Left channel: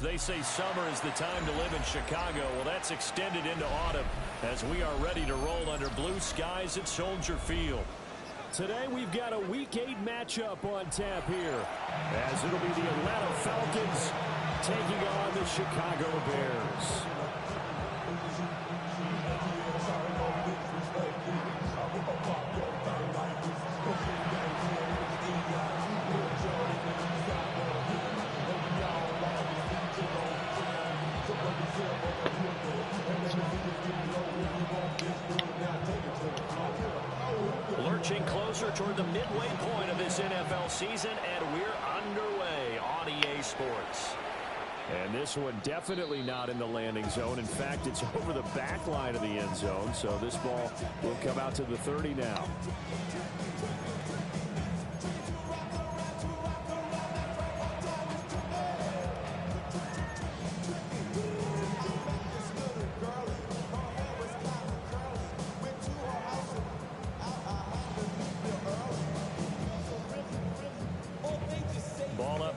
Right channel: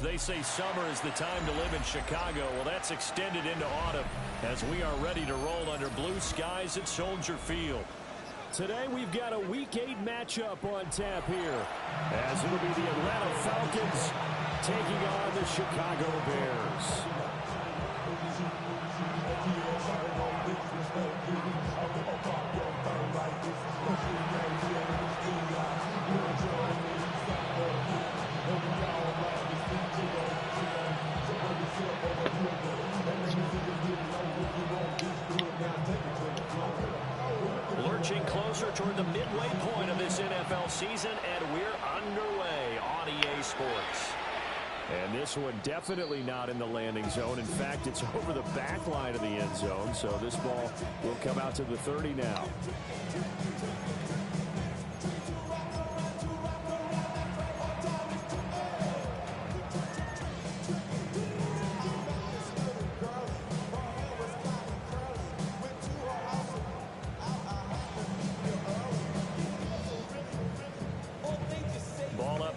They say summer is the time to live in Chicago. Well, that's extended into autumn as we are ready to roll under blue skies at Soldier Field. Today we've got a Week 8 matchup on tap here, as it'll be the Atlanta Falcons taking on the Chicago Bears. Lurching closer toward the midway point of this NFL season, and we're underway on EA Sports. And this one definitely not in the landing zone. In fact, it's over the back line of the end zone, so this ball will come out to the 30 now.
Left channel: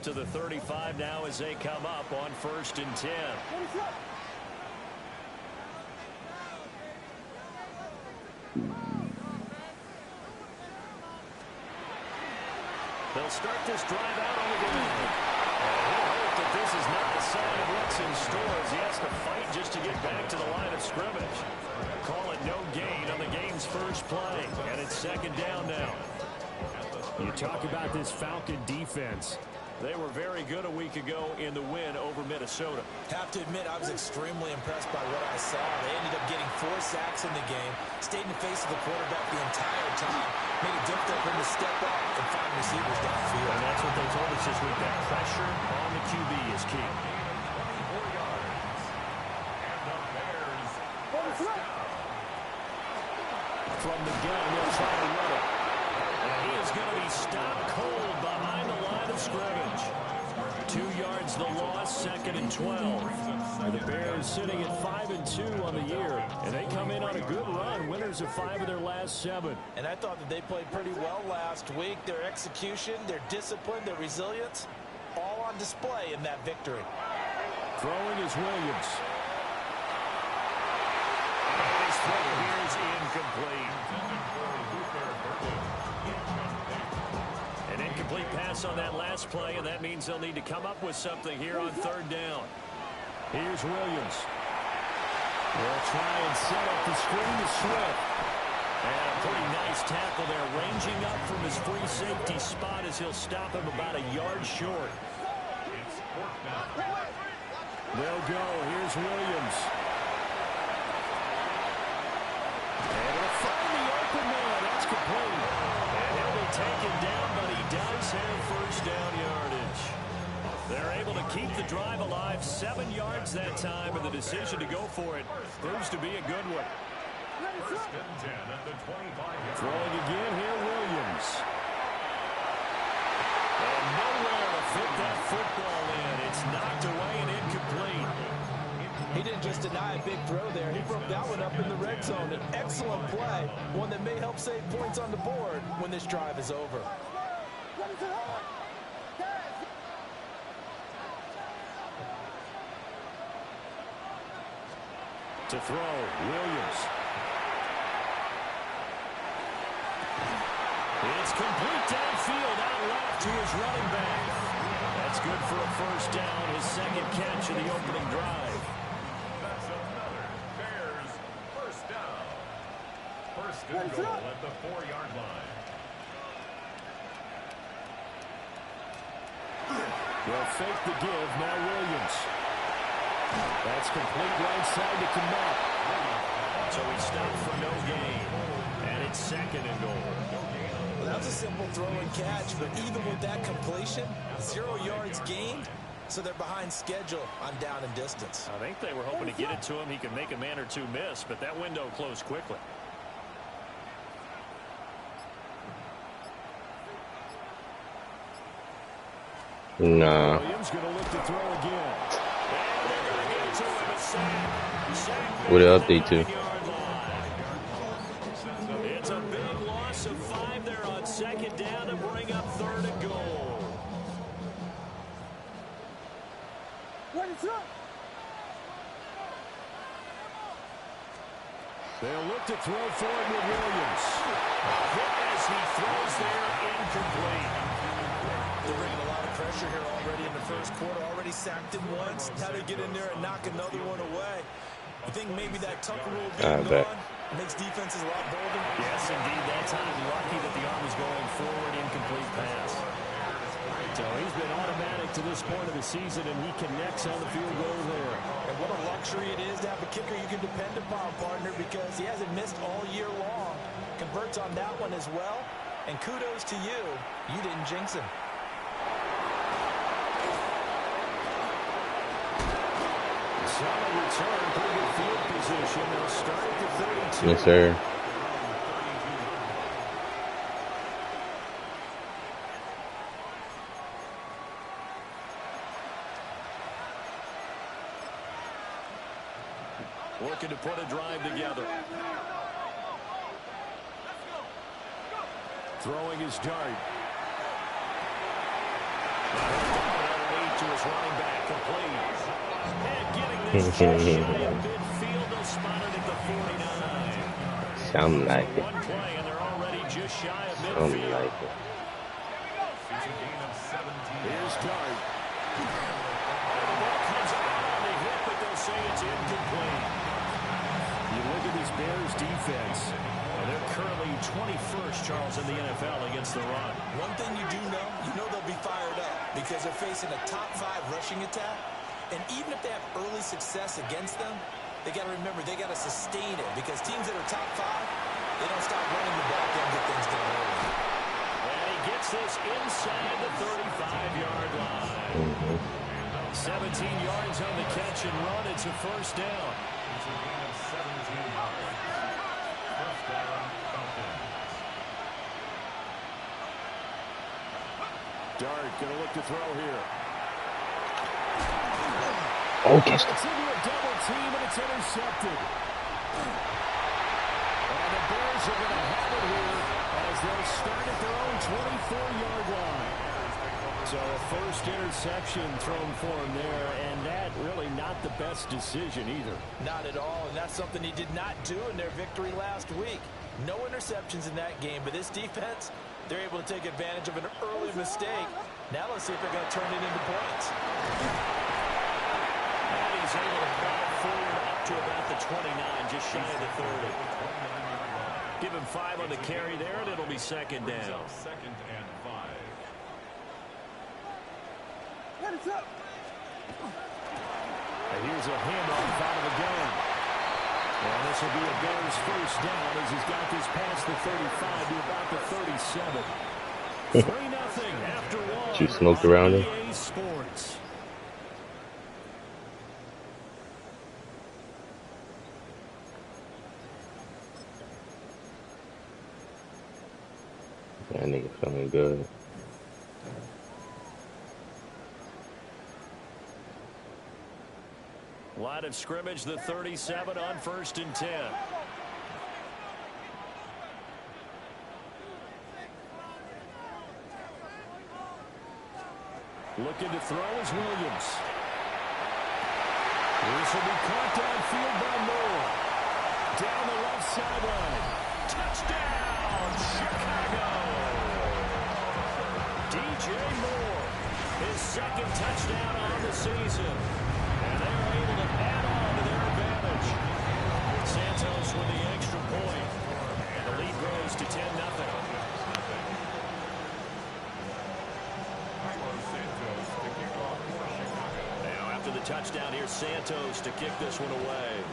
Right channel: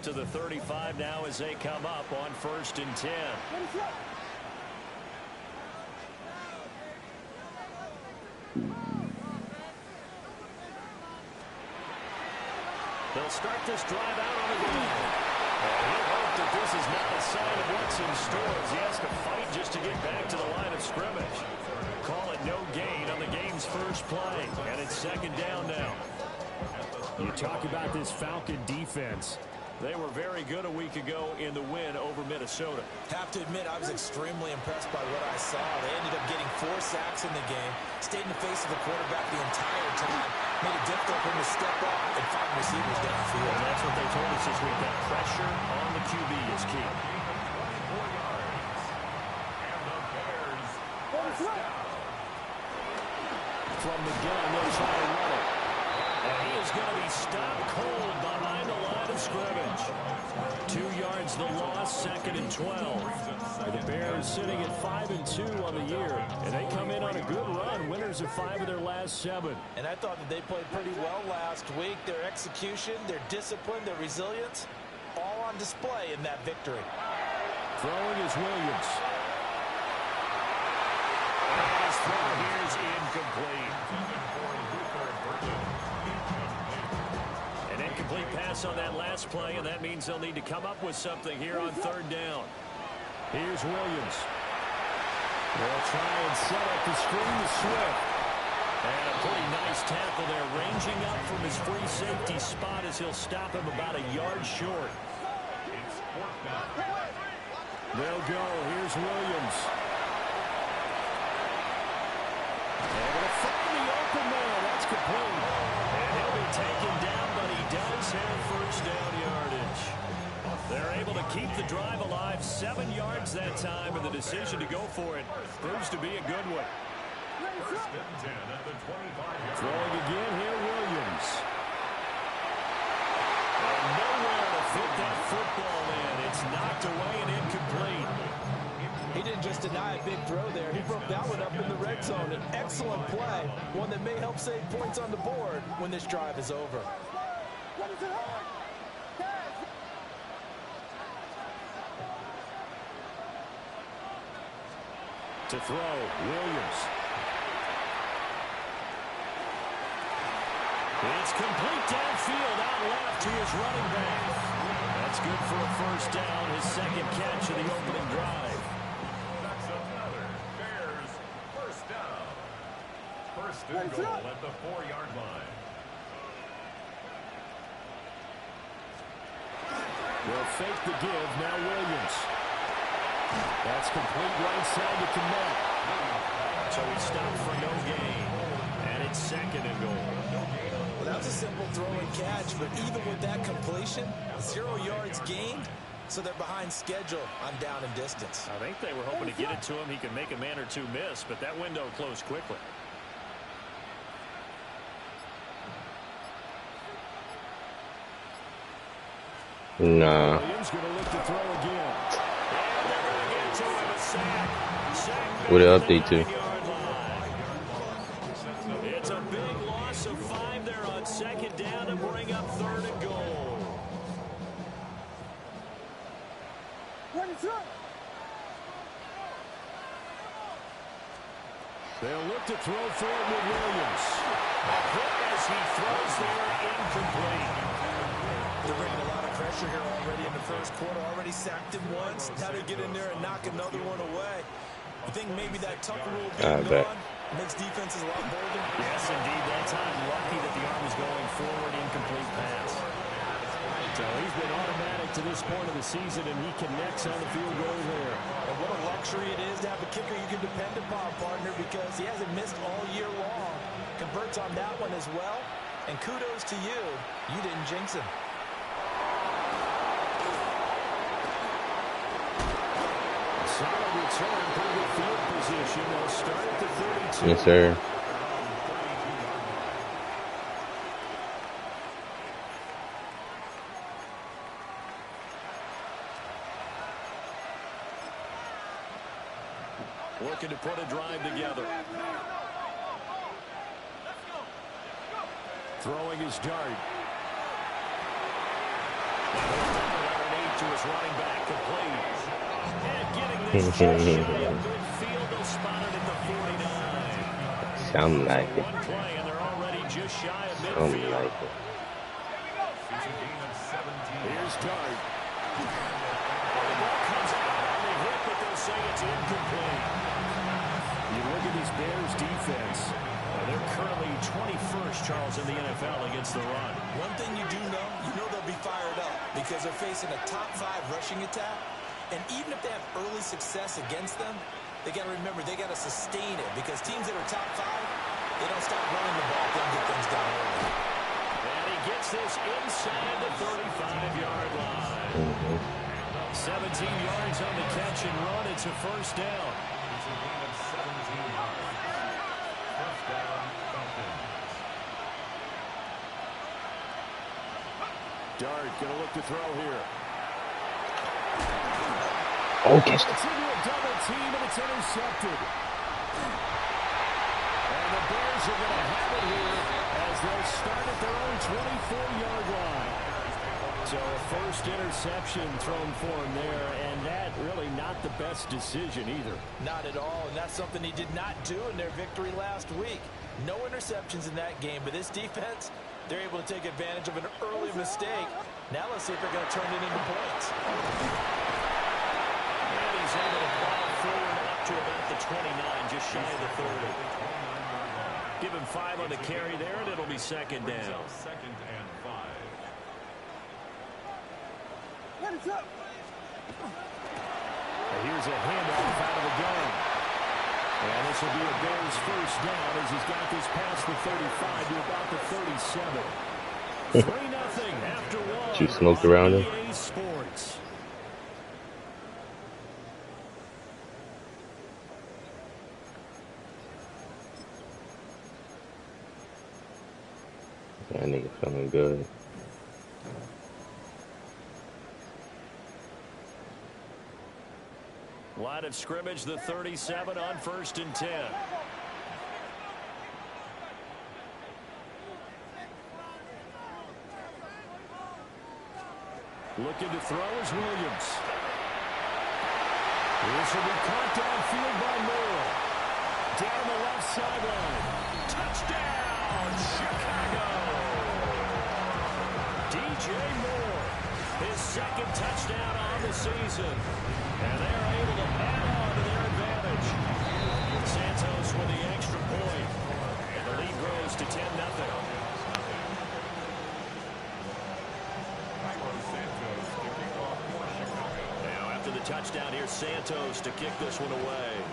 To the 35 now as they come up on 1st and 10. They'll start this drive out on the ground. And he'll hope that this is not a sign of what's in store as he has to fight just to get back to the line of scrimmage. Call it no gain on the game's first play, and it's 2nd down now. You talk about this Falcon defense. They were very good a week ago in the win over Minnesota. Have to admit, I was extremely impressed by what I saw. They ended up getting 4 sacks in the game, stayed in the face of the quarterback the entire time, made it difficult for him to step up and find receivers downfield. And that's what they told us this week, that pressure on the QB is key. 24 yards. And the Bears first down. From the gun, they'll try to run it. And he is going to be stopped cold behind the line of scrimmage. 2 yards the loss, 2nd and 12. And the Bears sitting at 5-2 on the year. And they come in on a good run, winners of 5 of their last 7. And I thought that they played pretty well last week. Their execution, their discipline, their resilience, all on display in that victory. Throwing is Williams. And his throw here is incomplete. An incomplete pass on that last play, and that means they'll need to come up with something here on 3rd down. Here's Williams. They'll try and set up the screen to Swift. And a pretty nice tackle there, ranging up from his free safety spot as he'll stop him about a yard short. They'll go. Here's Williams. And it'll find the open man. That's complete. And he'll be taken down, but he does have 1st down yardage. They're able to keep the drive alive, 7 yards that time, and the decision to go for it proves to be a good one. 1st and 10 at the 25-yard. Throwing again here, Williams. And nowhere to fit that football in. It's knocked away and incomplete. He didn't just deny a big throw there. He broke that one up in the red zone. An excellent play, one that may help save points on the board when this drive is over. To throw, Williams. It's complete downfield, out left to his running back. That's good for a 1st down, his 2nd catch of the opening drive. That's another Bears 1st down. 1st and goal at the 4-yard line. They'll fake the give, now Williams. That's complete right side to Kmet. So he stopped for no gain. And it's 2nd and goal. Well, that was a simple throw and catch, but even with that completion, 0 yards gained, so they're behind schedule on down and distance. I think they were hoping to get it to him. He could make a man or two miss, but that window closed quickly. No. Williams going to look to throw again. And they're going to get to him a sack. What an update to? It's a big loss of 5 there on second down to bring up 3rd and goal. They'll look to throw for it with Williams. A hit as he throws there, incomplete. They're bringing a lot of pressure here already in the first quarter. Already sacked him once. Now they get in there and knock another one away. I think maybe that Tucker rule being gone makes defenses a lot bolder. Yes, indeed. That time, lucky that the arm was going forward, incomplete pass. So he's been automatic to this point of the season, and he connects on the field goal there. And what a luxury it is to have a kicker you can depend upon, partner, because he hasn't missed all year long. Converts on that one as well. And kudos to you. You didn't jinx him. Solid return, pretty good field position. They'll start at the 32. Yes, sir. Looking to put a drive together. Throwing his dart. Underneath to his running back, complete. And getting this just shy of midfield, they'll spot it at the 49. Sound like it. One play, and they're already just shy of Sound midfield. like it. Here's Dart. Oh, the ball comes out on the hit, but they'll say it's incomplete. You look at these Bears defense. They're currently 21st, Charles, in the NFL against the run. One thing you do know, they'll be fired up because they're facing a top 5 rushing attack. And even if they have early success against them, they got to remember they got to sustain it because teams that are top 5, they don't stop running the ball, they don't get things done early. And he gets this inside the 35-yard line. 17 yards on the catch and run. It's a first down. It's a gain of 17 yards. First down, Falcons. Dart going to look to throw here. Oh, catch It's into a double team, and it's intercepted. And the Bears are going to have it here as they'll start at their own 24-yard line. So a first interception thrown for him there, and that really not the best decision either. Not at all, and that's something he did not do in their victory last week. No interceptions in that game, but this defense, they're able to take advantage of an early mistake. Now let's see if they're going to turn it into points. And he's able to plow forward up to about the 29, just shy of the 30. Give him 5 on the carry there, and it'll be second down. Second and 5. And here's a handoff out of the gun. And this will be a Bears first down as he's got this past the 35 to about the 37. 3-0 after one. You smoked around him. EA Sports. That nigga feeling good. Line of scrimmage, the 37 on 1st and 10. Looking to throw is Williams. This will be caught downfield by Moore. Down the left sideline. Touchdown, Chicago! DJ Moore, his second touchdown on the season. And they are able to add on to their advantage. Santos with the extra point. And the lead grows to 10-0. Now after the touchdown, here's Santos to kick this one away.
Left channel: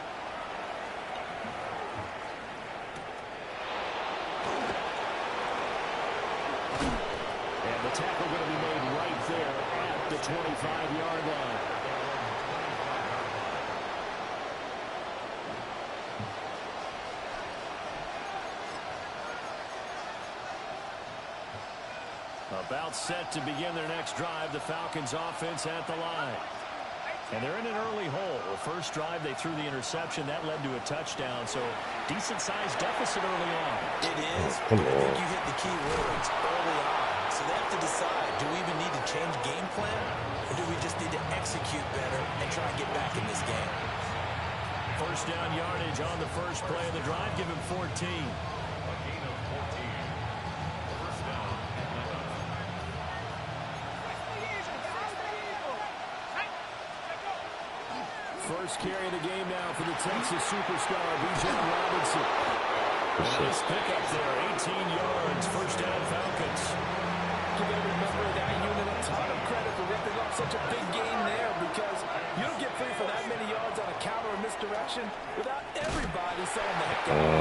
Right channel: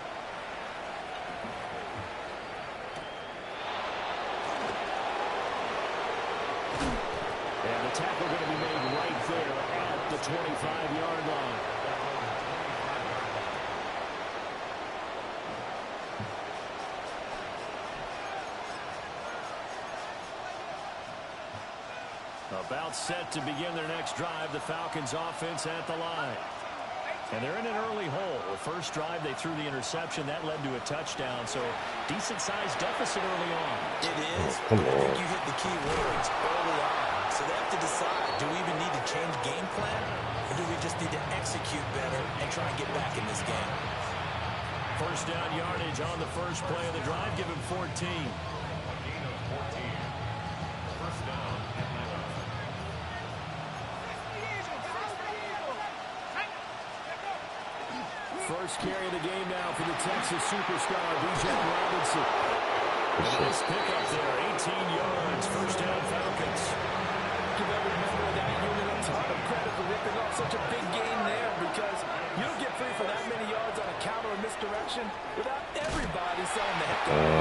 And the tackle going to be made right there at the 25-yard line. About set to begin their next drive, the Falcons offense at the line. And they're in an early hole. The first drive, they threw the interception. That led to a touchdown, so decent-sized deficit early on. It is, but I think you hit the key words early on. So they have to decide, do we even need to change game plan, or do we just need to execute better and try and get back in this game? First down yardage on the first play of the drive. Give him 14. A gain of 14. First down, Atlanta. First carry of the game now for the Texas superstar, Bijan Robinson. A nice pickup there, 18 yards, first down Falcons. Give every member of that unit a ton of credit for ripping off such a big gain there, because you don't get free for that many yards on a counter or misdirection without everybody selling the heck out of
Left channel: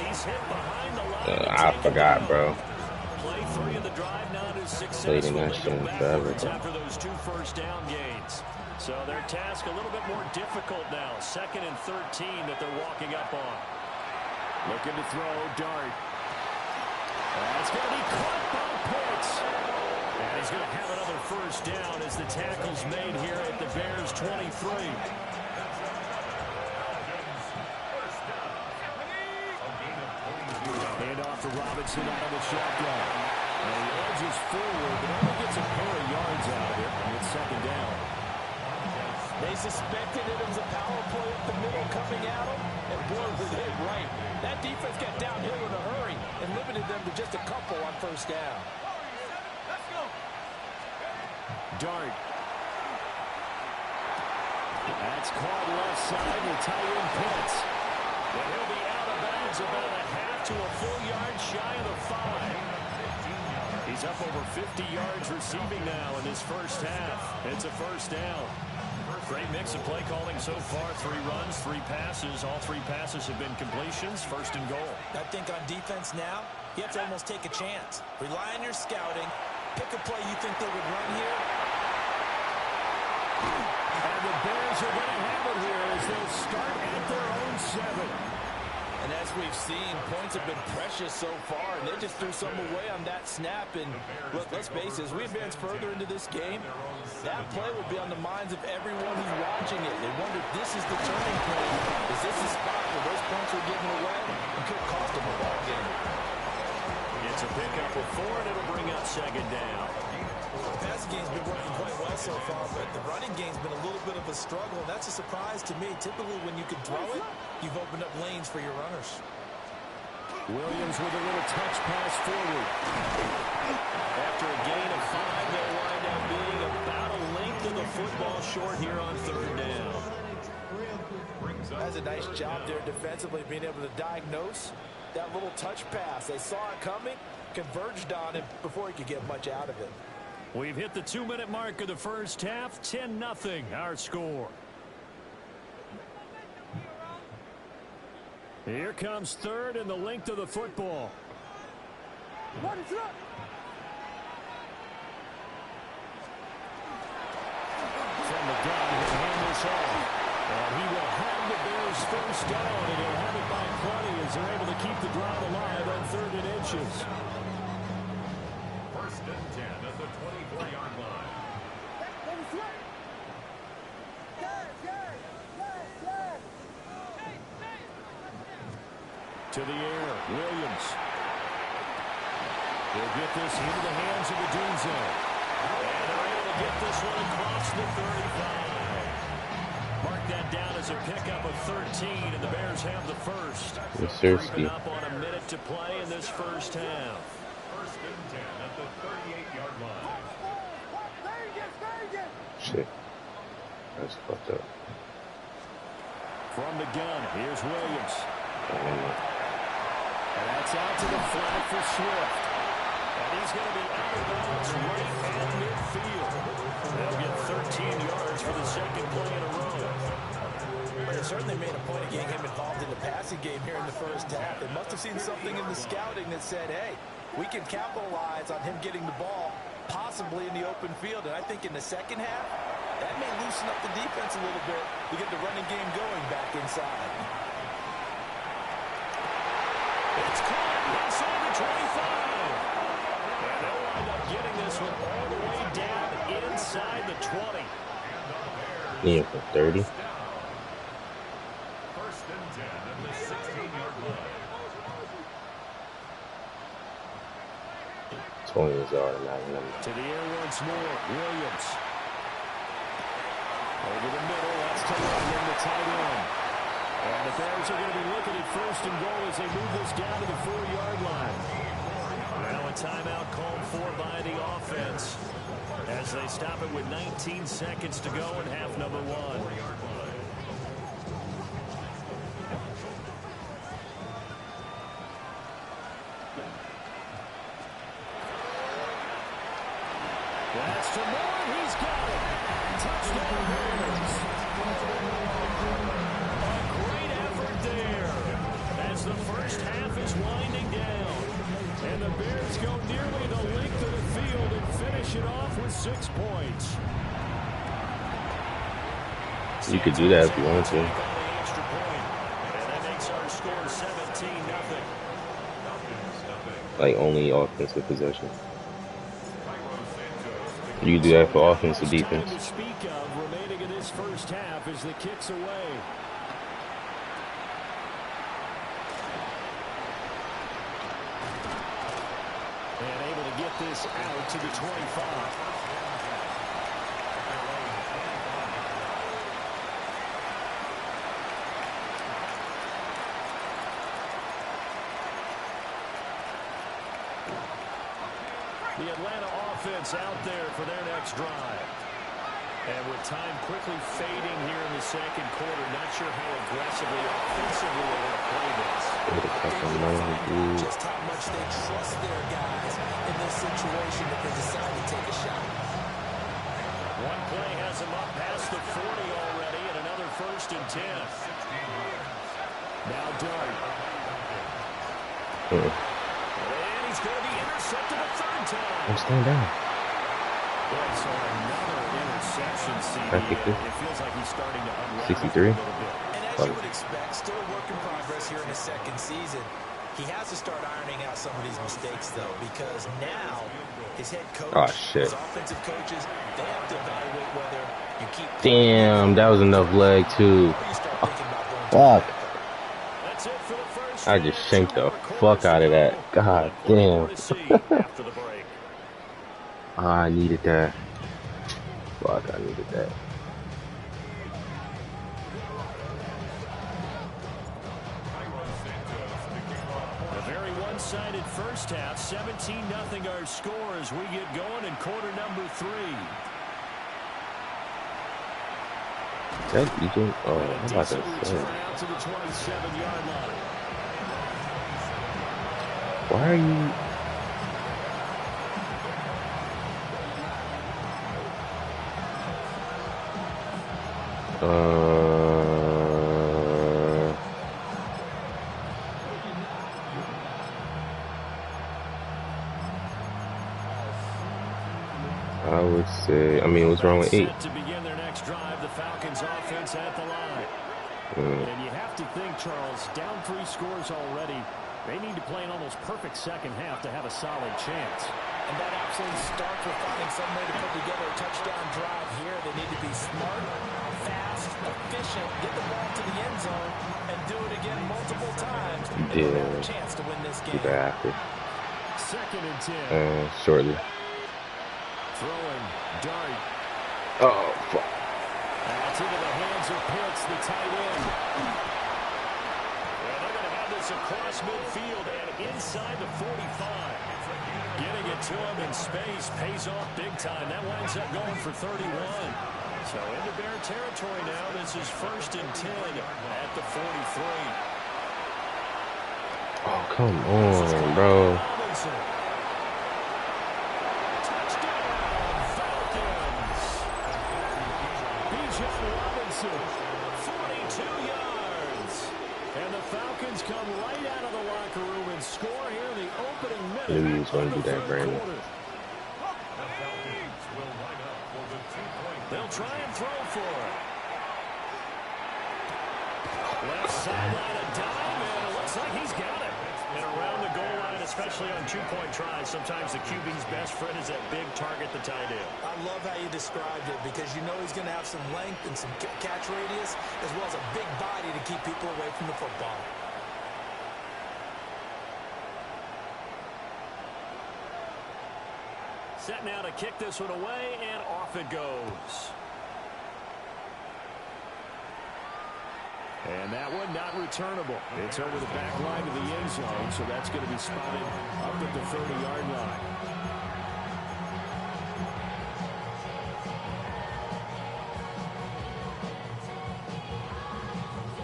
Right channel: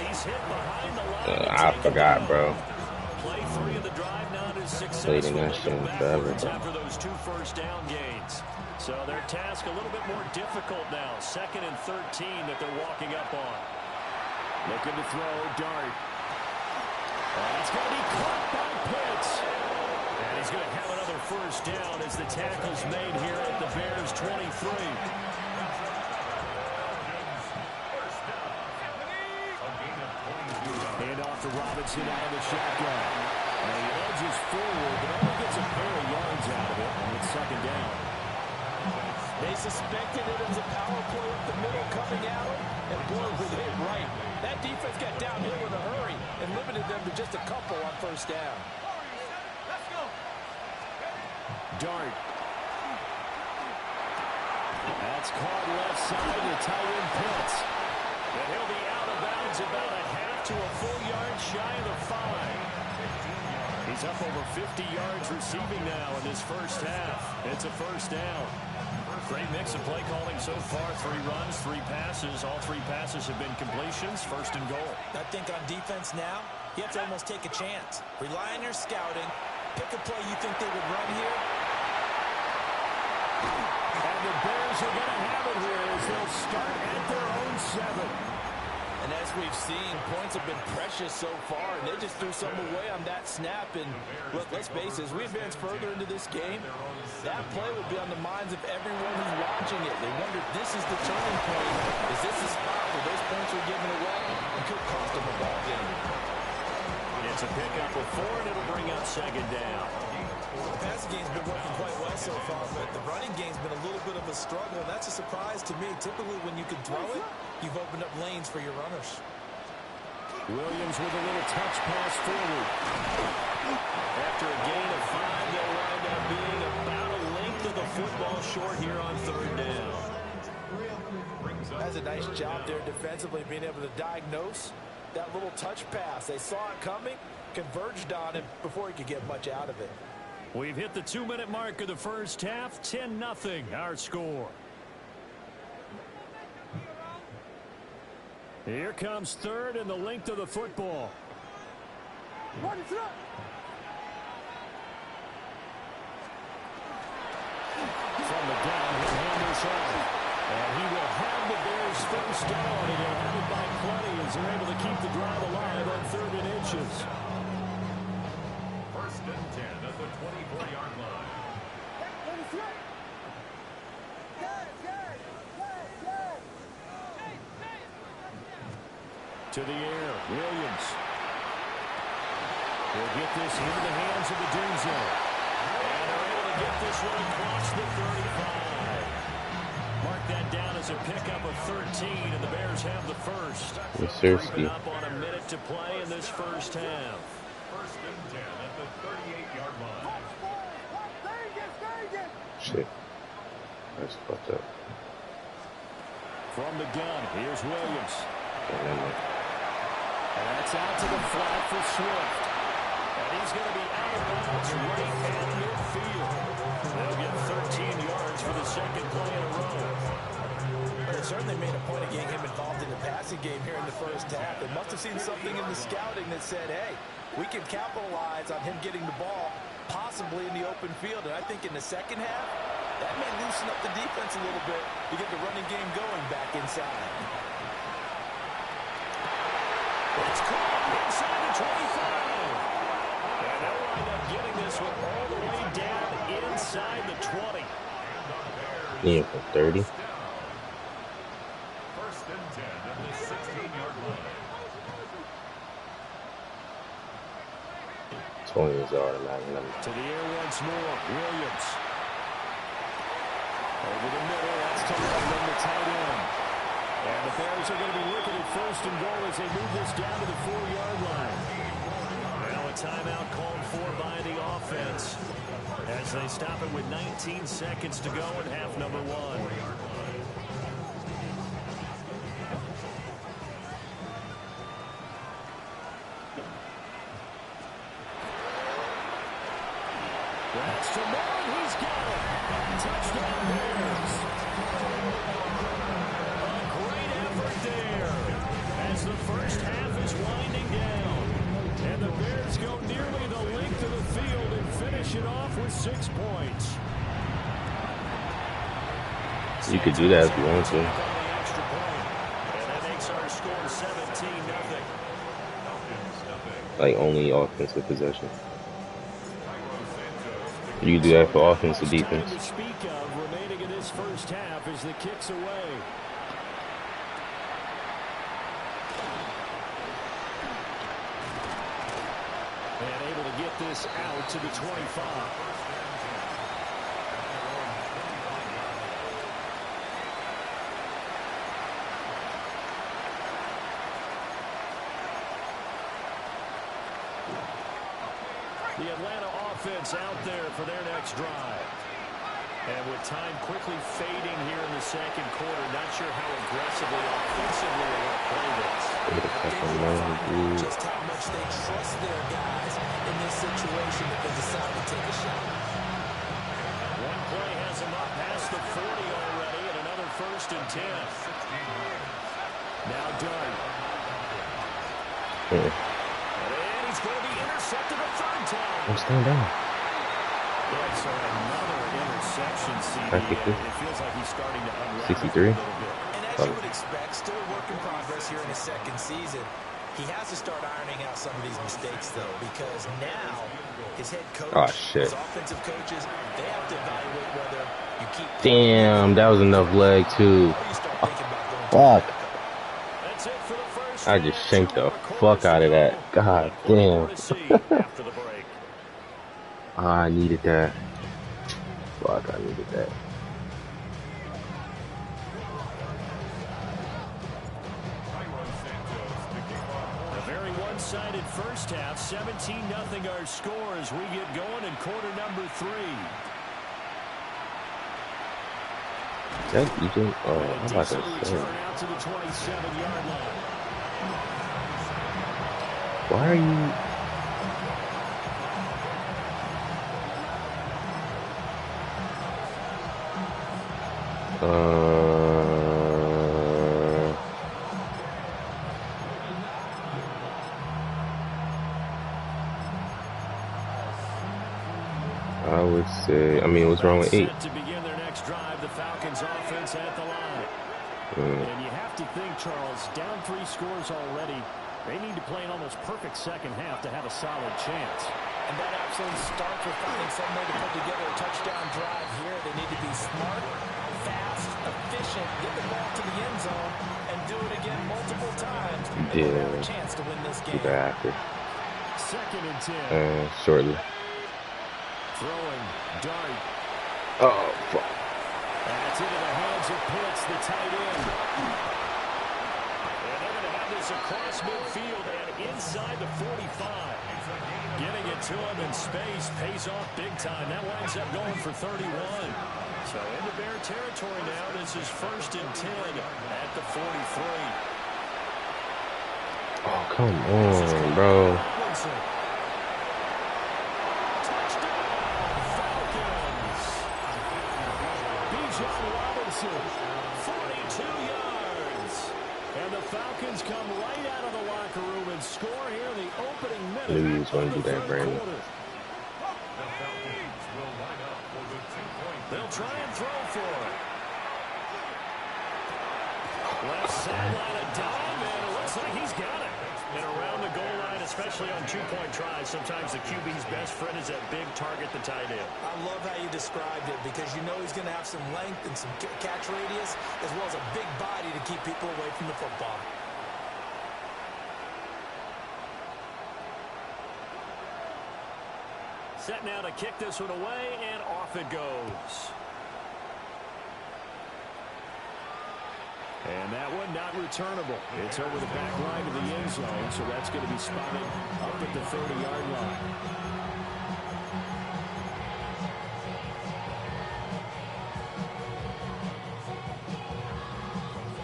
it. He's hit behind the line. I forgot, bro. Play 3 of the drive now to successful. Played in that shit forever, bro. After those 2 first down gains. So their task a little bit more difficult now. 2nd and 13 that they're walking up on. Looking to throw, Dart. That's going to be caught by Pitts. And he's going to have another first down as the tackle's made here at the Bears 23. Hand off to Robinson out of the shotgun. And he edges forward, but only gets a pair of yards out of it. And it's 2nd down. They suspected it was a power play up the middle coming at them, and boy, was it hit right. That defense got downhill in a hurry and limited them to just a couple on first down. Let's go. Dart. That's caught left side to tight end Pitts. And he'll be out of bounds about a half to a full yard shy of the 5. He's up over 50 yards receiving now in this first half. It's a first down. Great mix of play calling so far. 3 runs, 3 passes. All 3 passes have been completions. 1st and goal. I think on defense now, you have to almost take a chance. Rely on your scouting. Pick a play you think they would run here. And the Bears are going to have it here as they'll start at their own 7. And as we've seen, points have been precious so far, and they just threw some away on that snap. And look, let's face it, as we advance further into this game, that play will be on the minds of everyone who's watching it. They wonder if this is the turning point. Is this the spot where those points were given away and could cost them a ball game? It's a pickup of 4, and it'll bring up 2nd down. The passing game's been working quite well so far, but the running game's been a little bit of a struggle, and that's a surprise to me. Typically, when you can throw it, you've opened up lanes for your runners. Williams with a little touch pass forward. After a gain of 5, they'll wind up being about a length of the football short here on 3rd down. That's a nice job there defensively, being able to diagnose that little touch pass. They saw it coming, converged on it before he could get much out of it. We've hit the 2-minute mark of the first half. 10-0 our score. Here comes 3rd and the length of the football. What is up? From the gun, he'll hand this off. And he will have the Bears first down, and he'll have it by plenty as they're able to keep the drive alive on 3rd and inches. 1st and 10 at the 24-yard line. To the air, Williams. He'll get this into the hands of the Dunzo. And they're able to get this one across the 35. Mark that down as a pickup of 13, and the Bears have the first. Creeping up on a minute to play in this first half. 1st and 10 at the 38-yard line. Shit. That's fucked up. From the gun, here's Williams. Okay, never mind. And that's out to the flat for Swift. And he's going to be out of bounds right at midfield. They'll get 13 yards for the second play in a row. But it certainly made a point of getting him involved in the passing game here in the first half. They must have seen something in the scouting that said, hey, we can capitalize on him getting the ball possibly in the open field. And I think in the second half, that may loosen up the defense a little bit to get the running game going back inside. It's caught inside the 25. And they'll wind up getting this one all the way down inside the 20. Near for 30. First and 10 at the 16-yard line. 20 is the automatic number. To the air once more, Williams. Over the middle, that's to London, the tight end. And the Bears are going to be looking at first and goal as they move this down to the 4-yard line. Now a timeout called for by the offense as they stop it with 19 seconds to go in half number 1. That's to Moore, he's got it. Touchdown Bears. A great effort there as the first half is winding down. And the Bears go nearly the length of the field and finish it off with 6 points. You could do that if you want to. And that makes our score 17-0. Like only offensive possession. You can do that for offensive defense. To speak of remaining in this first half as the kicks away. And able to get this out to the 25. The Atlanta offense out there for their next drive. And with time quickly fading here in the second quarter, not sure how aggressively, offensively they want to play this. Just how much they trust their guys in this situation if they decide to take a shot. One play has them up past the 40 already, and another first and 10. Now Dart. And he's going to be intercepted a third time. I'm staying down. Yeah, so another interception, CD. It feels like he's starting to unravel 63. a little bit. And as you would expect, still a work in progress here in his second season. He has to start ironing out some of these mistakes, though, because now his head coach, his offensive coaches, they have to evaluate whether you keep. Damn, that was enough leg, too. Fuck. That's it for the first I just shanked the fuck out of that. God damn. After the break. I needed that. Fuck, I needed that. A very one-sided first half, 17-0 our score as we get going in quarter number 3. Is that DJ? Oh, I'm about to say. Out to the 27-yard line. Why are you? I would say, I mean, what's wrong with 8? To begin their next drive, the Falcons offense at the line. And you have to think, Charles, down 3 scores already. They need to play an almost perfect second half to have a solid chance. And that absolutely starts with finding some way to put together a touchdown drive here. They need to be smart, fast, efficient, get the ball to the end zone, and do it again multiple times. And they'll have a chance to win this game. After. Second and 10. Shortly. Throwing, Dart. Oh, fuck. That's into the hands of Pitts, the tight end. And they're going to have this across midfield and inside the 45. Getting it to him in space pays off big time. That winds up going for 31. So into Bear territory now. This is first and 10 at the 43. Oh, come on, bro. massive. 42 yards. And the Falcons come right out of the locker room and score here in the opening minute. Knew he was going to of do the that, third Brandon. quarter. The Falcons will line up for the 2-point. They'll try and throw for it. Left sideline a dime, and it looks like he's got it. And around the goal line, especially on two-point tries, sometimes the QB's best friend is that big target, the tight end. I love how you described it because you know he's going to have some length and some catch radius as well as a big body to keep people away from the football. Set now to kick this one away, and off it goes. And that one not returnable. It's over the back line of the end zone, so that's going to be spotted up at the 30-yard line.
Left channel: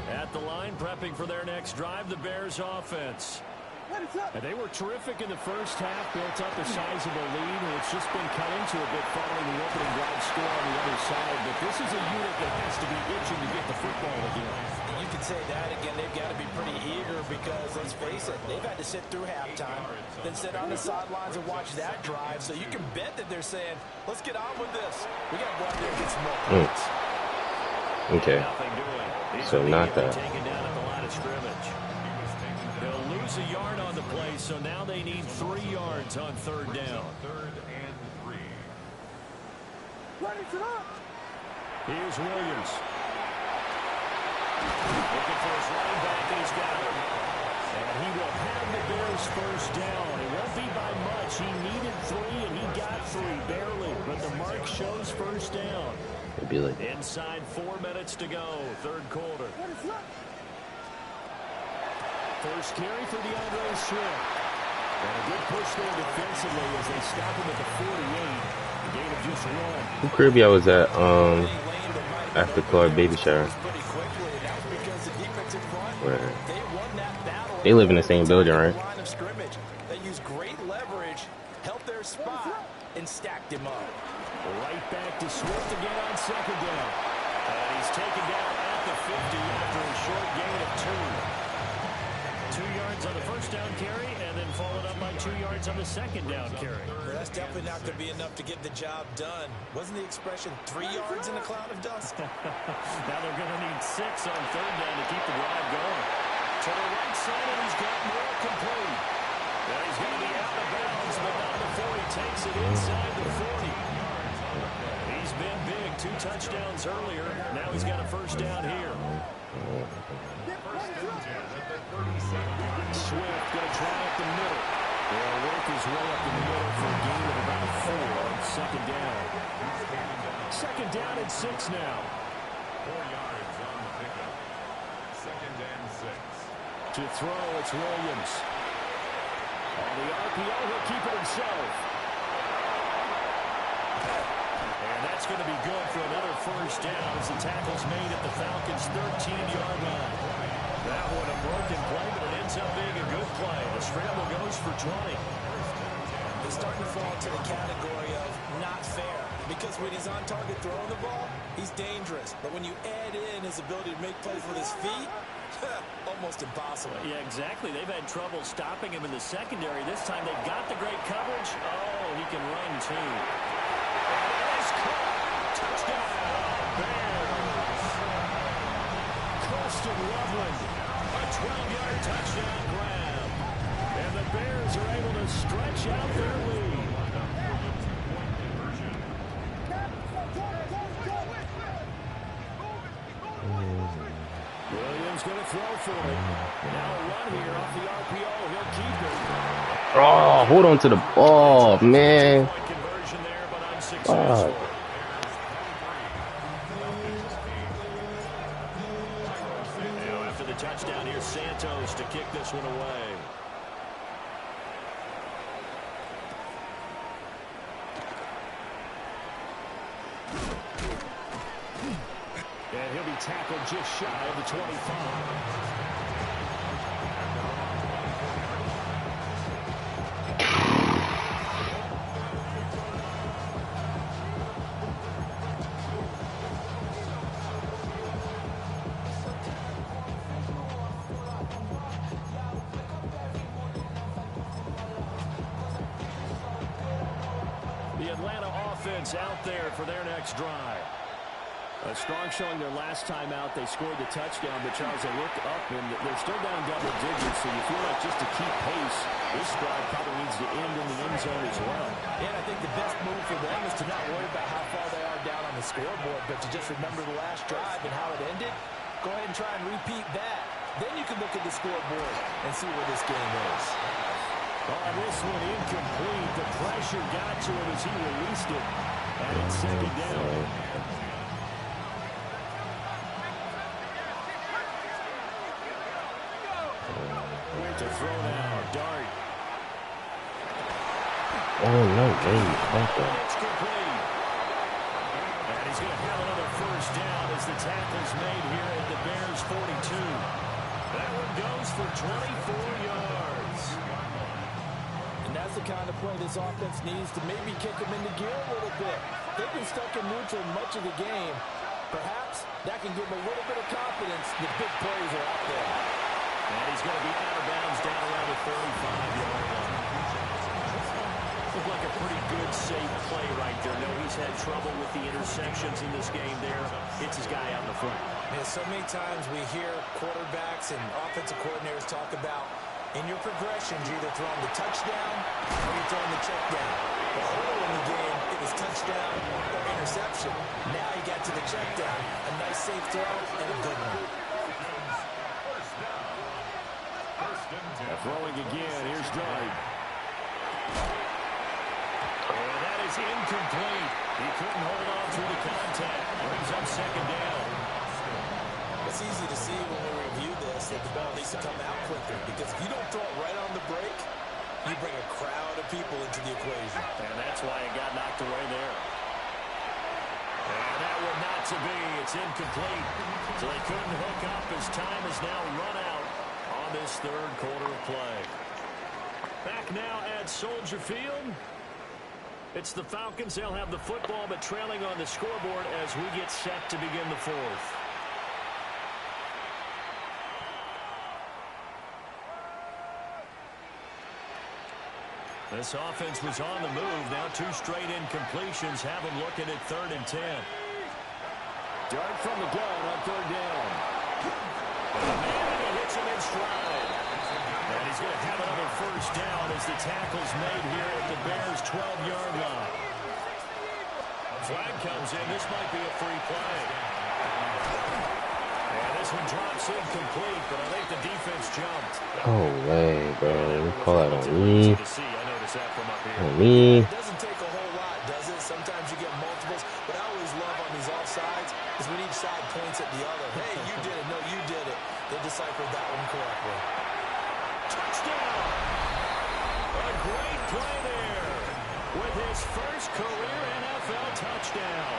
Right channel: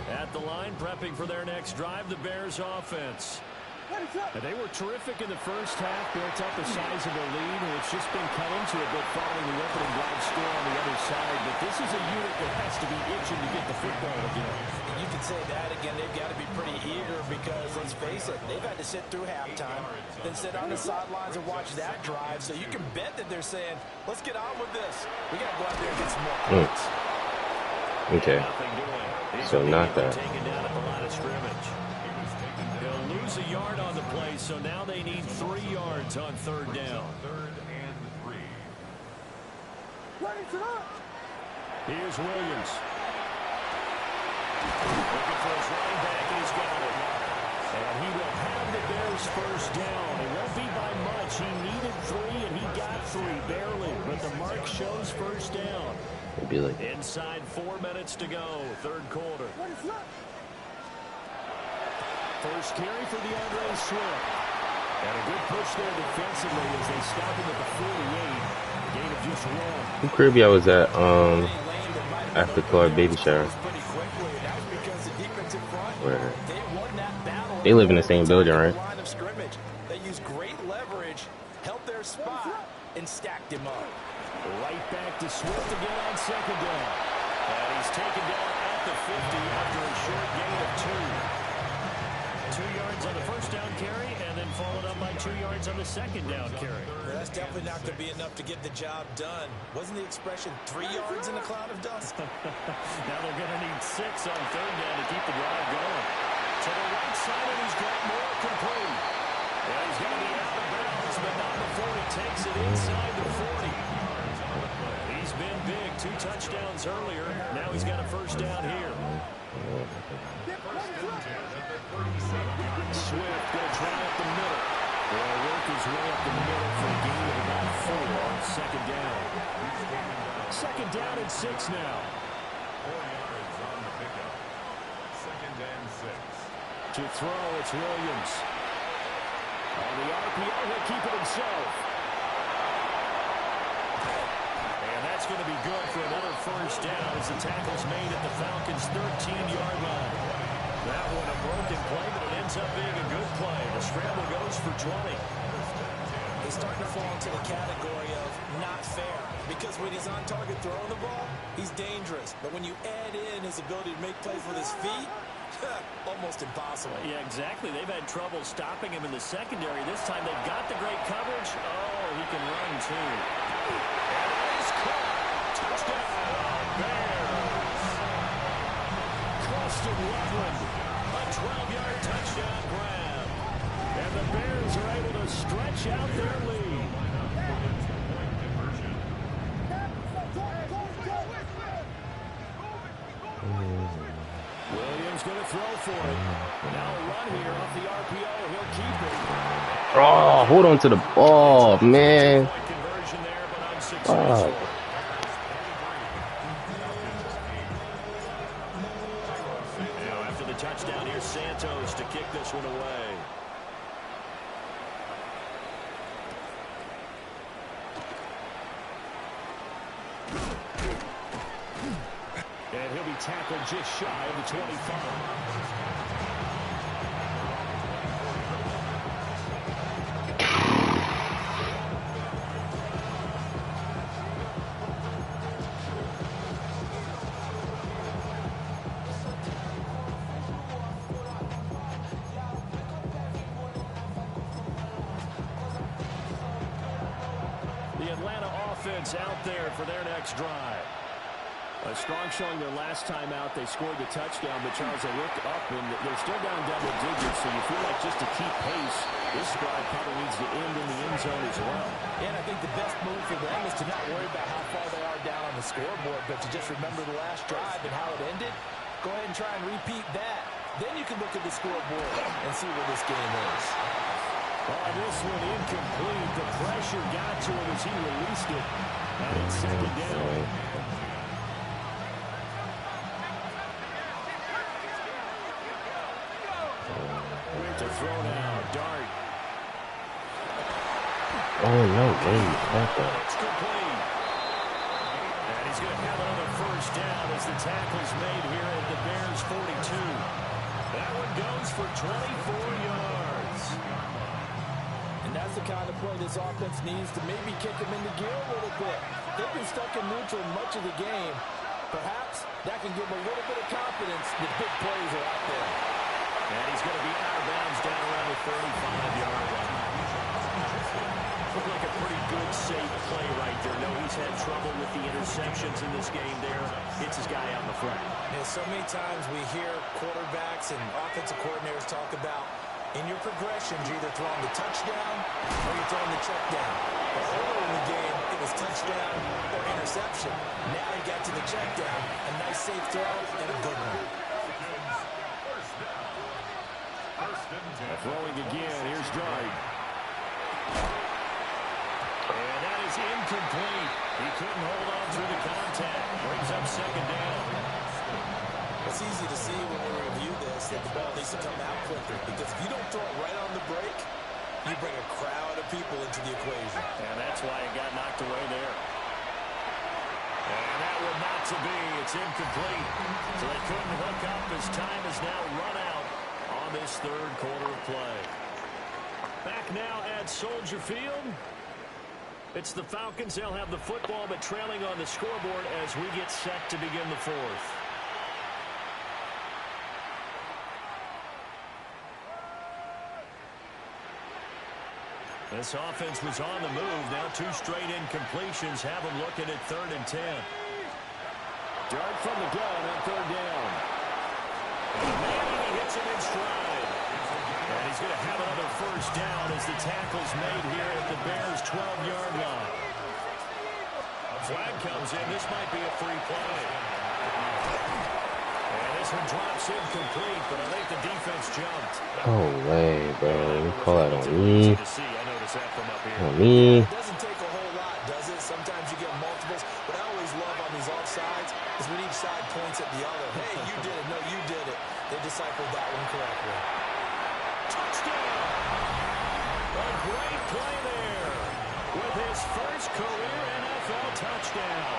At the line, prepping for their next drive, the Bears offense. And they were terrific in the first half, built up a sizable lead, and it's just been cut into a bit following the opening drive score on the other side. But this is a unit that has to be itching to get the football again. You can say that again. They've got to be pretty eager because, let's face it, they've had to sit through halftime, then sit on the sidelines and watch that drive. So you can bet that they're saying, let's get on with this. We got to go out there and get some more points. Okay. So not that. Taken down at the line of scrimmage. They'll lose a yard on the play, so now they need 3 yards on third down. 3rd and 3. Here's Williams. Looking for his running back, and he's got it. And he will have the Bears first down. It won't be by much. He needed 3, and he got 3, barely. But the mark shows first down. It'd be like Inside 4 minutes to go, third quarter. First carry for DeAndre Swift. And a good push there defensively as they stop him at the 48. A gain of just 1. who crib I was at after Clark baby shower. Where they live in the same building, right? They use great leverage, help their spot, and stacked him up. Right back to Swift again on second down. And he's taken down at the 50 after a short gain of 2. 2 yards on the first down carry, and then followed up by 2 yards on the second down carry. Well, that's definitely not going to be enough to get the job done. Wasn't the expression 3 yards in a cloud of dust? Now they're going to need 6 on third down to keep the drive going. To the right side, and he's got more complete. Yeah, he's going to be out of bounds, but not before he takes it inside the 40. He's been big. 2 touchdowns earlier. Now he's got a first down here. Swift going to try up the middle. Will work his way up the middle for a gain of about 4 on second down. Second down and 6 now. 4 yards on the pickup. 2nd and 6. To throw, it's Williams. On the RPO, he'll keep it himself. And that's going to be good for another first down as the tackle's made at the Falcons' 13-yard line. That one a broken play, but it ends up being a good play. The scramble goes for 20. He's starting to fall into the category of not fair because when he's on target throwing the ball, he's dangerous. But when you add in his ability to make plays with his feet, almost impossible. Yeah, exactly. They've had trouble stopping him in the secondary. This time they've got the great coverage. Oh, he can run too. And that is caught. Touchdown, Bears. Colston Loveland, a 12-yard touchdown grab. And the Bears are able to stretch out their lead. Williams going to throw for it. Now a run here off the RPO. He'll keep it. Oh, hold on to the ball, man. Conversion there, but unsuccessful. Now after the touchdown, here's Santos to kick this one away. And he'll be tackled just shy of the 25. The Atlanta offense out there for their next drive. A strong showing their last time out. They scored the touchdown, but Charles, they look up and they're still down double digits, so you feel like just to keep pace, this drive probably needs to end in the end zone as well. Yeah, and I think the best move for them is to not worry about how far they are down on the scoreboard, but to just remember the last drive and how it ended. Go ahead and try and repeat that. Then you can look at the scoreboard and see where this game is. On this one, incomplete. The pressure got to him as he released it. And it's second down. To throw now, Dart. Oh, no way. It's complete. And he's going to have another first down as the tackle's made here at the Bears 42. That one goes for 24 yards. And that's the kind of play this offense needs to maybe kick them into gear a little bit. They've been stuck in neutral much of the game. Perhaps that can give them a little bit of confidence that big plays are out there. And he's going to be out of bounds down around the 35-yard line. Looked like a pretty good, safe play right there. No, he's had trouble with the interceptions in this game there. Hits his guy out in the front. And so many times we hear quarterbacks and offensive coordinators talk about in your progressions, you're either throwing the touchdown or you're throwing the check down. But earlier in the game, it was touchdown or interception. Now he got to the check down. A nice safe throw and a good one. Throwing again. Here's Dart. And that is incomplete. He couldn't hold on through the contact. Brings up second down. It's easy to see when we review this that the ball needs to come out quicker, because if you don't throw it right on the break, you bring a crowd of people into the equation. And that's why it got knocked away there. And that one not to be. It's incomplete. So they couldn't hook up as time has now run out on this third quarter of play. Back now at Soldier Field. It's the Falcons. They'll have the football, but trailing on the scoreboard as we get set to begin the fourth. This offense was on the move. Now two straight incompletions have them looking at 3rd and 10. Dart from the gun on 3rd down. And he hits him in stride. And he's going to have another first down as the tackle's made here at the Bears' 12-yard line. Flag comes in. This might be a free play. And this one drops incomplete, but I think the defense jumped. Oh, way, bro. You call that on me. I noticed that from up here. On me. It doesn't take a whole lot, does it? Sometimes you get multiples. What I always love on these offsides is when each side points at the other. Hey, you did it. No, you did it. They deciphered that one correctly. Touchdown! A great play there with his first career NFL touchdown.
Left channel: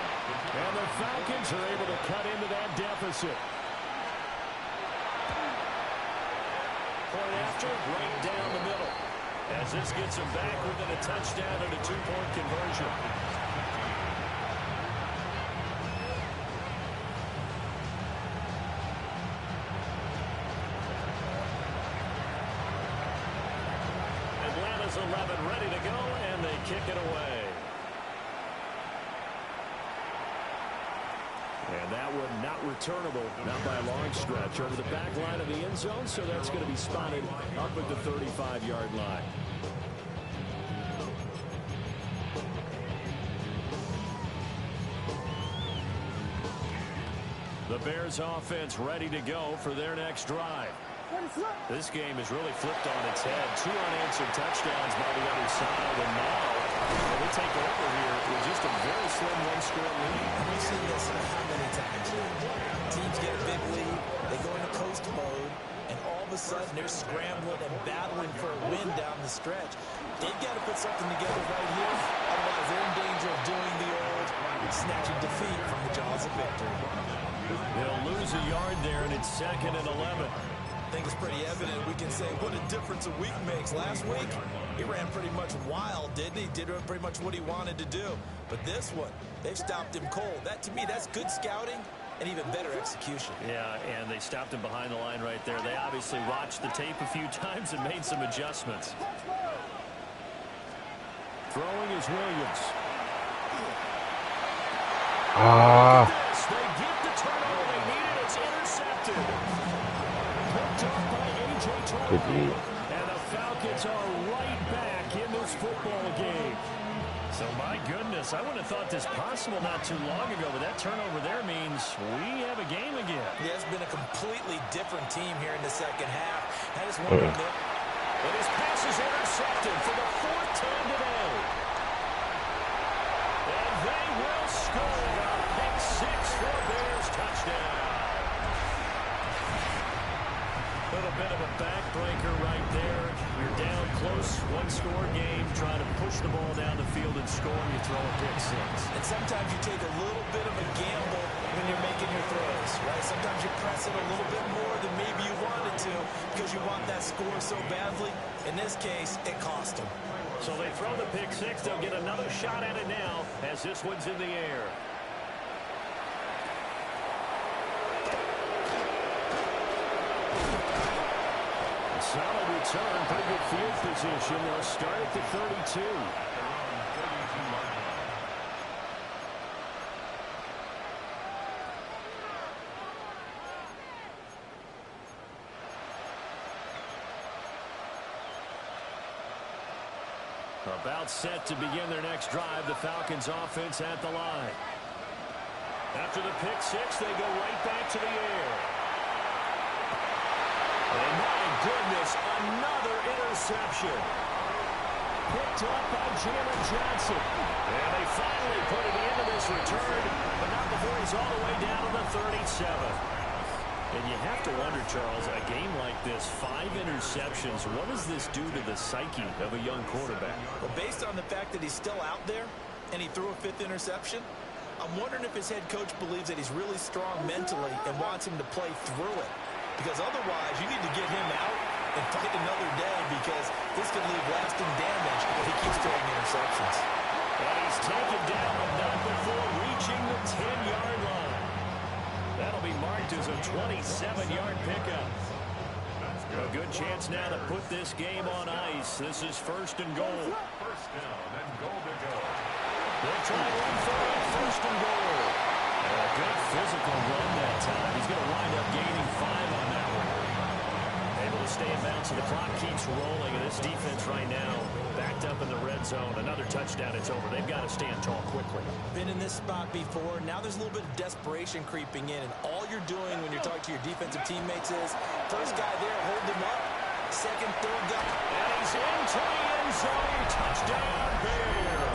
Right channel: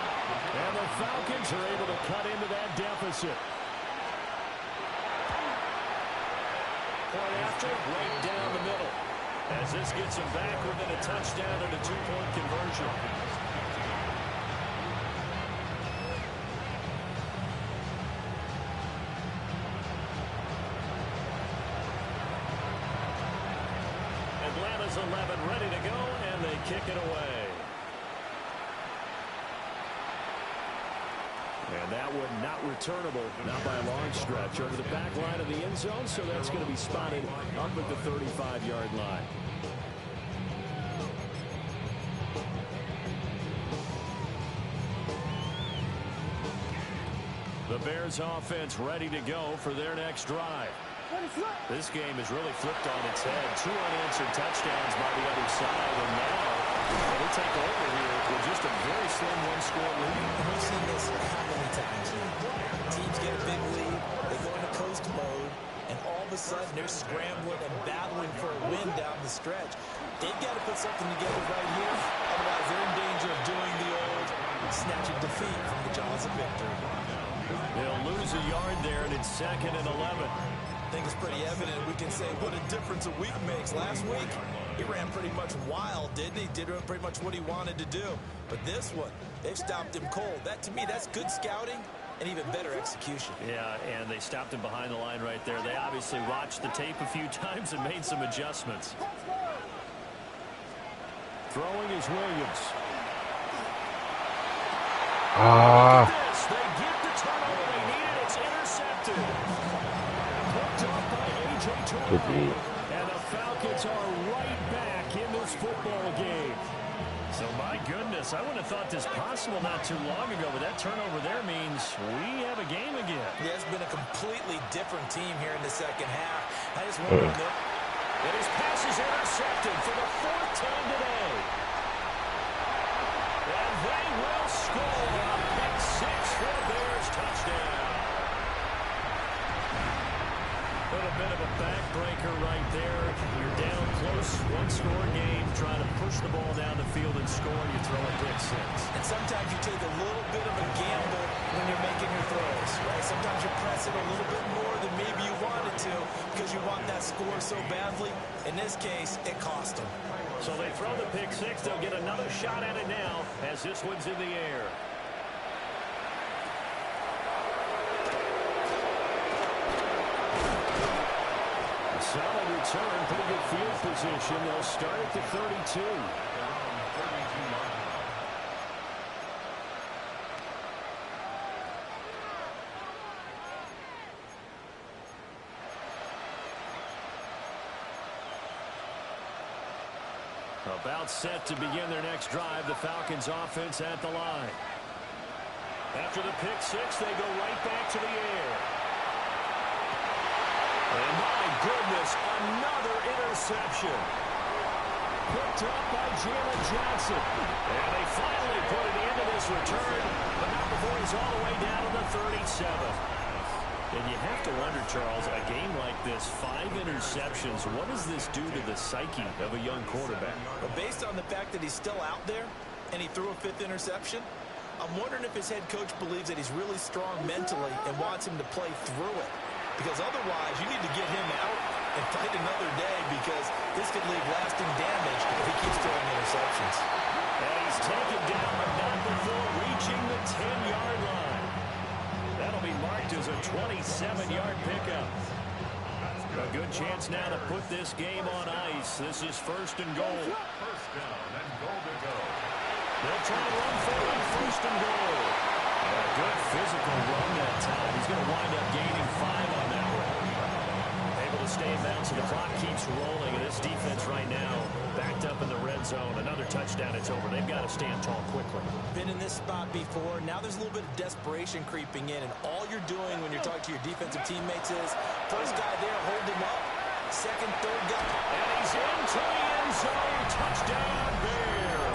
And the Falcons are able to cut into that deficit. Point after, right down the middle. As this gets them back within a touchdown and a 2-point conversion. Atlanta's 11 ready to go, and they kick it away. And that one not returnable, not by a long stretch, over the back line of the end zone, so that's going to be spotted up at the 35-yard line. The Bears offense ready to go for their next drive. This game has really flipped on its head. 2 unanswered touchdowns by the other side, and now they take over here with just a very slim one-score lead. And we've seen this how many times now? Teams get a big lead, they go into coast mode, and all of a sudden they're scrambling and battling for a win down the stretch. They've got to put something together right here, otherwise they're in danger of doing the old snatching defeat from the jaws of victory. They'll lose a yard there, and it's 2nd and 11. I think it's pretty evident. We can say what a difference a week makes. Last week, he ran pretty much wild, didn't he? Did pretty much what he wanted to do. But this one, they've stopped him cold. That, to me, that's good scouting and even better execution. Yeah, and they stopped him behind the line right there. They obviously watched the tape a few times and made some adjustments. Throwing is Williams. Ah. They get the turnover they needed. It's intercepted. Picked off by A.J. Terrell. And the Falcons are right back in this football game. So, my goodness, I wouldn't have thought this possible not too long ago, but that turnover there means we have a game again. Yeah, it's been a completely different team here in the second half. I just wonder if and his pass is intercepted for the fourth time today. And they will score a pick six for a Bears touchdown. A little bit of a backbreaker right there. You're down close, one-score game, trying to push the ball down the field and score, and you throw a pick six. And sometimes you take a little bit of a gamble when you're making your throws, right? Sometimes you press it a little bit more than maybe you wanted to because you want that score so badly. In this case, it cost them. So they throw the pick six. They'll get another shot at it now as this one's in the air. Solid return, pretty good field position. They'll start at the 32. About set to begin their next drive. The Falcons offense at the line. After the pick six, they go right back to the air. And my goodness, another interception. Picked up by Jalen Johnson. And they finally put an end to this return, but not before he's all the way down to the 37. And you have to wonder, Charles, a game like this, 5 interceptions, what does this do to the psyche of a young quarterback? But based on the fact that he's still out there and he threw a 5th interception, I'm wondering if his head coach believes that he's really strong mentally and wants him to play through it. Because otherwise, you need to get him out and fight another day because this could leave lasting damage if he keeps throwing interceptions. And he's taken down, but not before reaching the 10-yard line. That'll be marked as a 27-yard pickup. A good chance now to put this game on ice. This is first and goal. First down and goal to go. They'll try and run for it, first and goal. And a good physical run that time. He's going to wind up gaining 5 on that one. Able to stay in bounds, so the clock keeps rolling. And this defense right now backed up in the red zone. Another touchdown, it's over. They've got to stand tall quickly. Been in this spot before. Now there's a little bit of desperation creeping in. And all you're doing when you're talking to your defensive teammates is, first guy there, hold him up. Second, third guy. And he's into the end zone. Touchdown, Bears.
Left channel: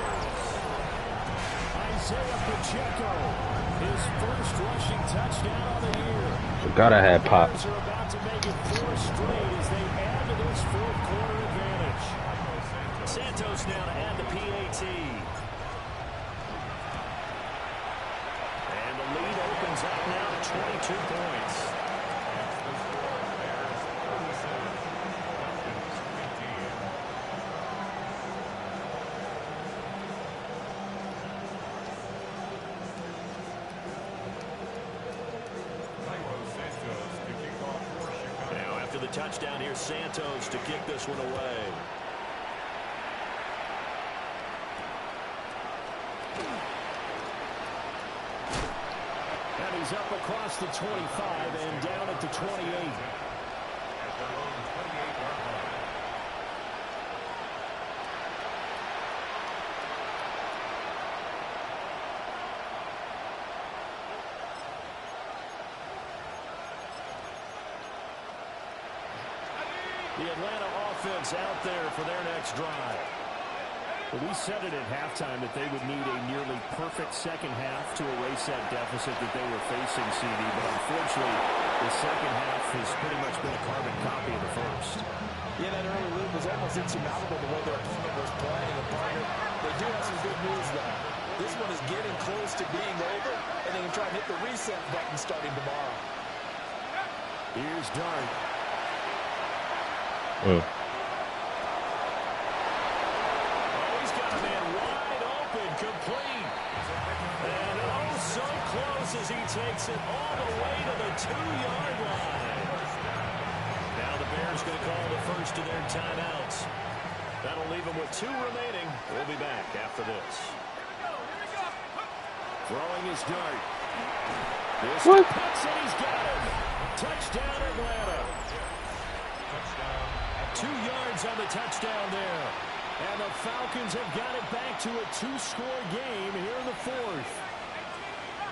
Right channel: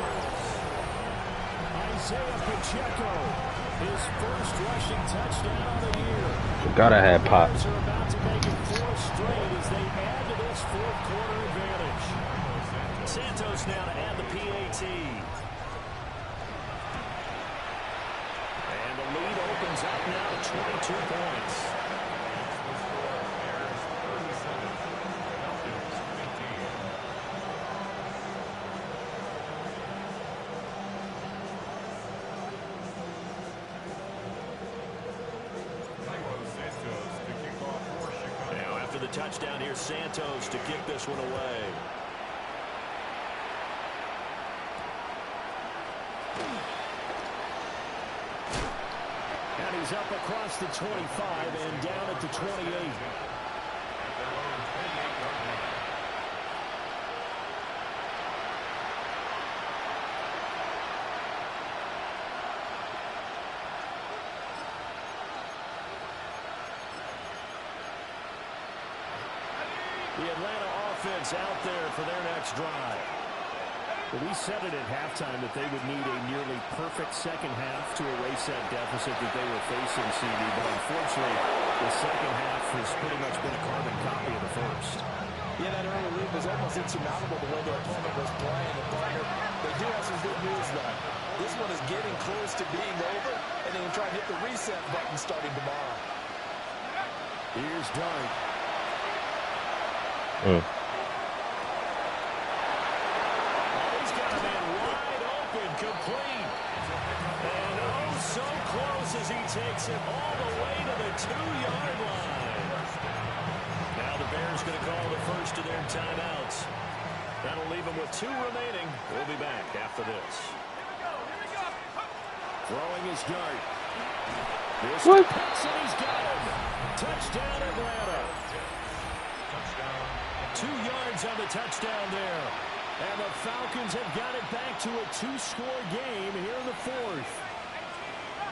Isaiah Pacheco, his first rushing touchdown of the year. Gotta have Pop. The Bears are about to make it 4 straight as they add to this fourth quarter advantage. Santos now to add the PAT. And the lead opens up now to 22 points. Now after the touchdown, here's Santos to kick this one away. And he's up across the 25 and down at the 28. At their own 28-yard line. The Atlanta offense out there for their next drive. Well, we said it at halftime that they would need a nearly perfect second half to erase that deficit that they were facing, CD. But unfortunately, the second half has pretty much been a carbon copy of the first. Yeah, that early lead was almost insurmountable the way their opponent was playing. And partner, they do have some good news, though. This one is getting close to being over, and they can try and hit the reset button starting tomorrow. Here's Dart. Mm. He's got a man wide open, complete. And oh, so close as he takes it all the way to the 2-yard line. Now the Bears going to call the first of their timeouts. That'll leave him with 2 remaining. We'll be back after this. Throwing his dart. This What? Pitts, and he's got him. Touchdown, Atlanta. 2 yards on the touchdown there. And the Falcons have got it back to a 2-score game here in the 4th.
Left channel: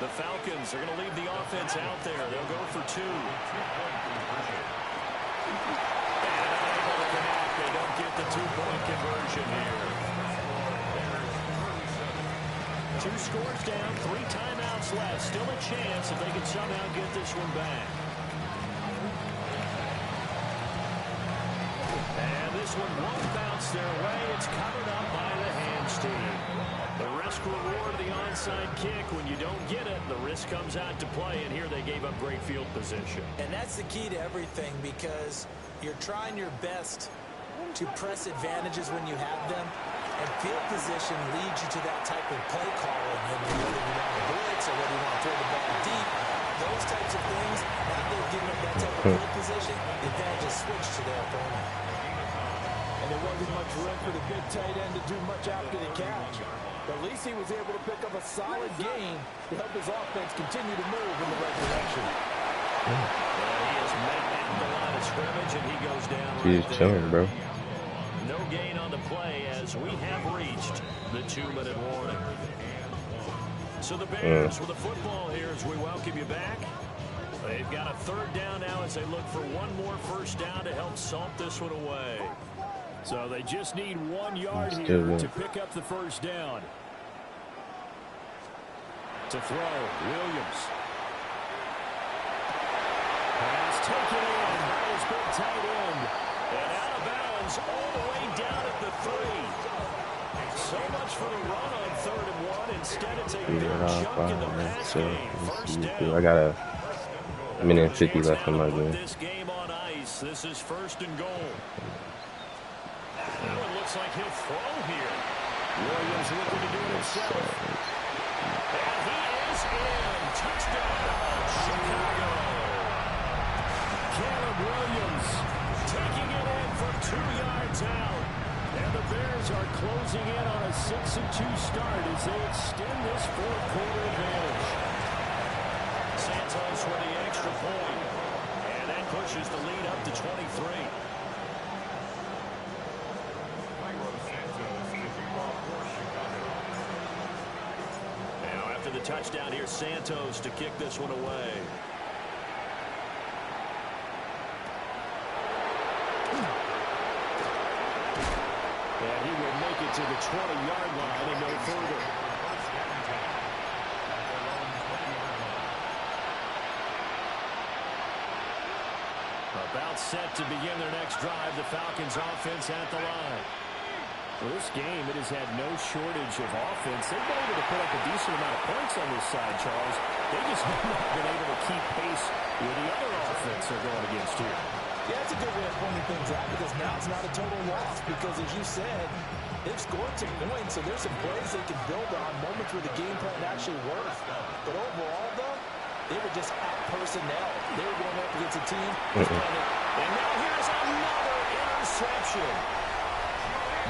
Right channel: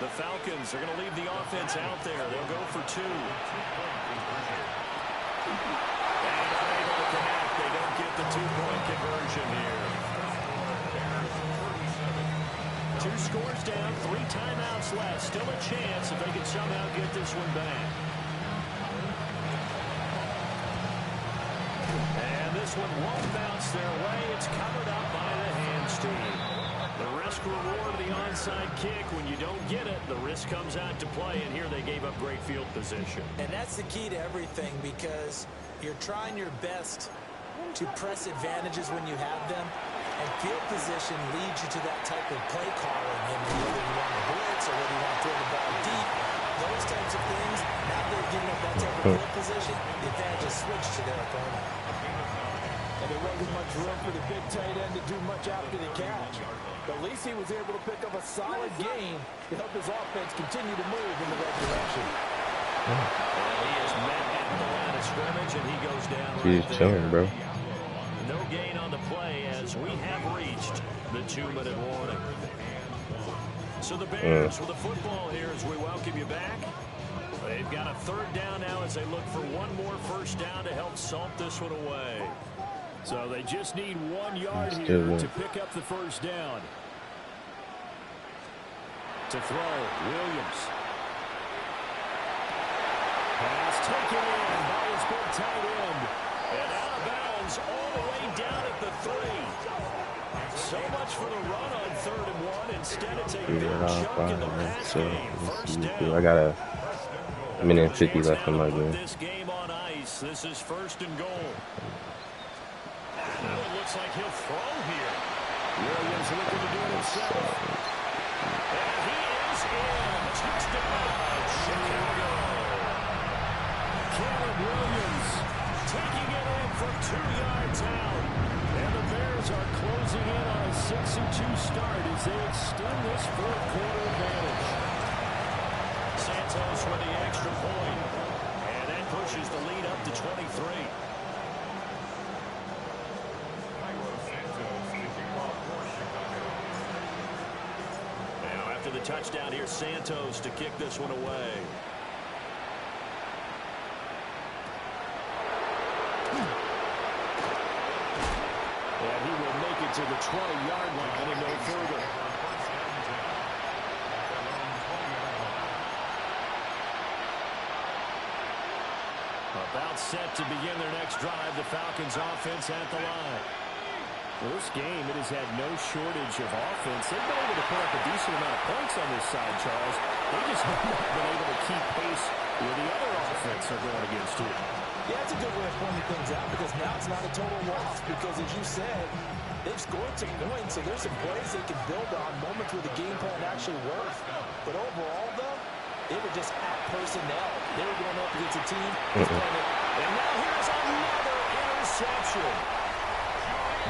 The Falcons are going to leave the offense out there. They'll go for 2. And unable to connect. They don't get the 2-point conversion here. 2 scores down, 3 timeouts left. Still a chance if they can somehow get this one back. And this one won't bounce their way. It's covered up by the hands team. The risk reward of the onside kick. When you don't get it, the risk comes out to play. And here they gave up great field position. And that's the key to everything, because you're trying your best to press advantages when you have them. And field position leads you to that type of play calling. And whether you want to blitz or whether you want to throw the ball deep, those types of things, now they've given up that type of field position, the advantage is switched to their opponent. And there wasn't much room for the big tight end to do much after the catch. But at least he was able to pick up a solid gain to help his offense continue to move in the right direction. He is met at the line of scrimmage, and he goes down He's right there. chilling, bro. No gain on the play as we have reached the 2-minute warning. So the Bears with the football here as we welcome you back. They've got a 3rd down now as they look for one more first down to help salt this one away. So they just need 1 yard here to pick up the first down. To throw, Williams. Pass taken in by his big tight end. And out of bounds all the way down at the 3. So much for the run on 3rd and 1. Instead, it's a big chunk in the pass game. First down. I got a minute and 50 left in my game. This game on ice. This is 1st and goal. Now it looks like he'll throw here. Williams looking to do it himself. And he is in. Touchdown, Chicago. Caleb Williams taking it in from 2 yards out. And the Bears are closing in on a 6-2 start as they extend this 4th quarter advantage. Santos with the extra point. And that pushes the lead up to 23. Now after the touchdown, here's Santos to kick this one away. And he will make it to the 20-yard line and no further. About set to begin their next drive, the Falcons offense at the line. For this game, it has had no shortage of offense. They've been able to put up a decent amount of points on this side, Charles. They just have not been able to keep pace with the other offense they're going against here. Yeah, that's a good way of pointing things out, because now it's not a total loss, because as you said, they've scored some points, so there's some plays they can build on, moments where the game plan actually works. But overall, though, they were just out-personnel. They were going up against a team that's playing it. And now here's another interception.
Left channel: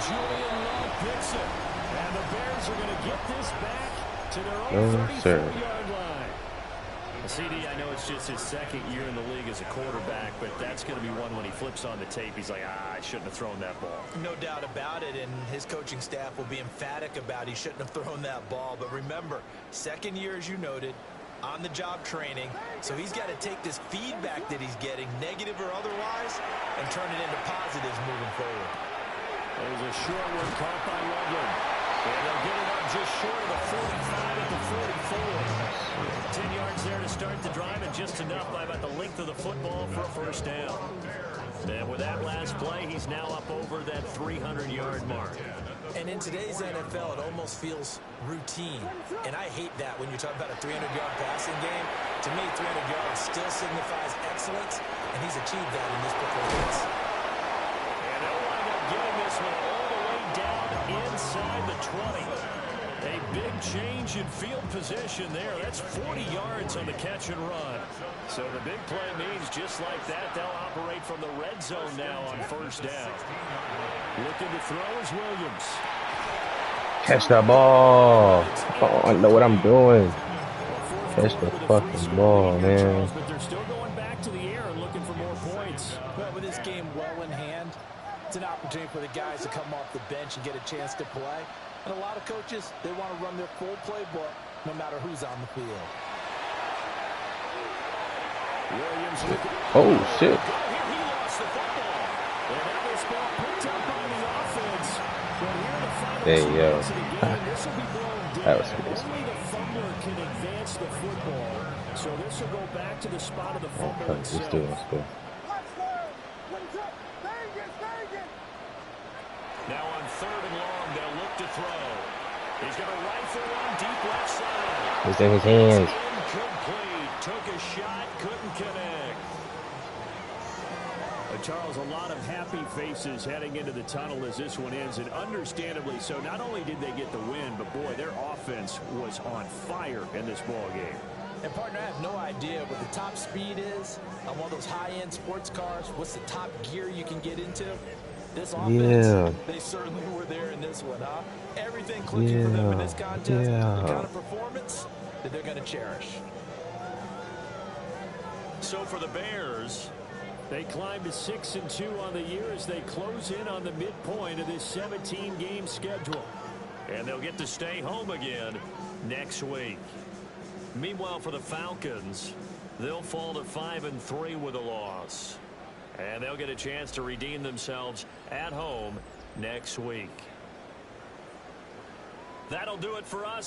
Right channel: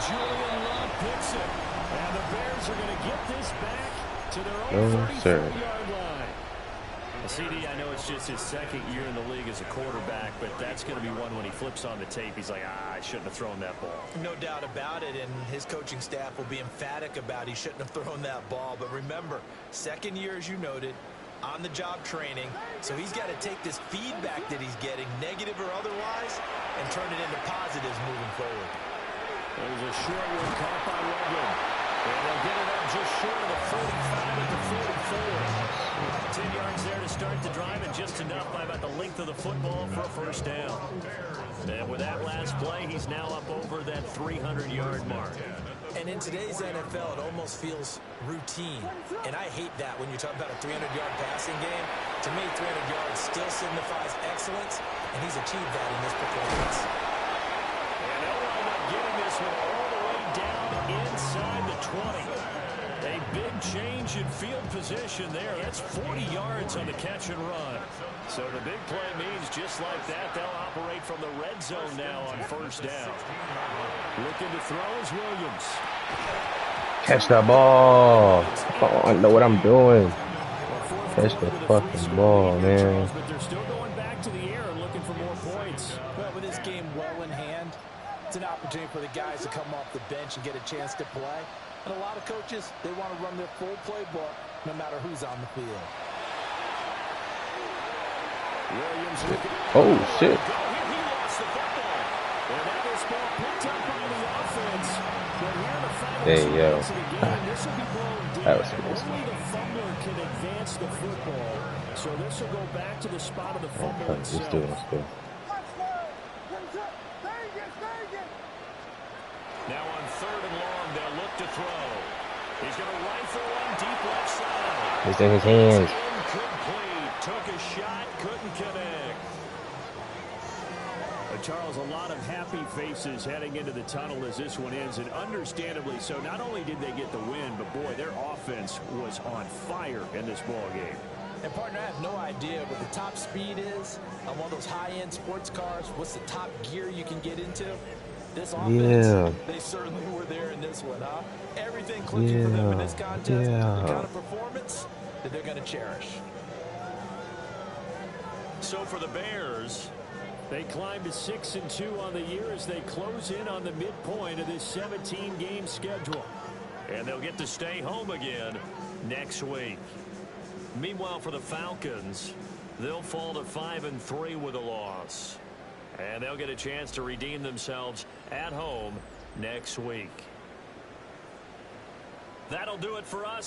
Julian Love picks it. And the Bears are going to get this back to their own 34-yard line. CD, I know it's just his 2nd year in the league as a quarterback, but that's going to be one when he flips on the tape. He's like, I shouldn't have thrown that ball. No doubt about it, and his coaching staff will be emphatic about he shouldn't have thrown that ball. But remember, 2nd year, as you noted, on-the-job training, so he's got to take this feedback that he's getting, negative or otherwise, and turn it into positives moving forward. There's a short one caught by Loveland. And they'll get it up just short of the 45 at the 44. 10 yards there to start the drive, and just enough by about the length of the football for a first down. And with that last play, he's now up over that 300-yard mark. And in today's NFL, it almost feels routine. And I hate that when you talk about a 300-yard passing game. To me, 300 yards still signifies excellence, and he's achieved that in this performance. And they'll wind up getting this one all the way down inside the 20. A big change in field position there. That's 40 yards on the catch and run. So the big play means just like that, they'll operate from the red zone now on first down. Looking to throw is Williams. Catch that ball. Oh, I know what I'm doing. Catch the fucking ball, man. But they're still going back to the air and looking for more points. Well, with this game well in hand, it's an opportunity for the guys to come off the bench and get a chance to play. And a lot of coaches, they want to run their full playbook no matter who's on the field. Williams. Oh, shit. He lost the football. And now this ball picked up by the offense. But here in the final There you go. of the game, this will be blown dead. That was close. Only the fumbler can advance the football. So this will go back to the spot of the fumble Okay, itself. let's do it. Let's go. Now on 3rd and long, they'll look to throw. He's going to rifle one deep left side. It's in his hands. Incomplete. Took a shot, couldn't connect. Charles, a lot of happy faces heading into the tunnel as this one ends, and understandably so. Not only did they get the win, but boy, their offense was on fire in this ball game. And partner, I have no idea what the top speed is on one of those high-end sports cars. What's the top gear you can get into? This offense, they certainly were there in this one, huh? Everything clicking for them in this contest, the kind of performance that they're going to cherish. So for the Bears, they climb to 6-2 on the year as they close in on the midpoint of this 17-game schedule. And they'll get to stay home again next week. Meanwhile, for the Falcons, they'll fall to 5-3 with a loss. And they'll get a chance to redeem themselves at home next week. That'll do it for us.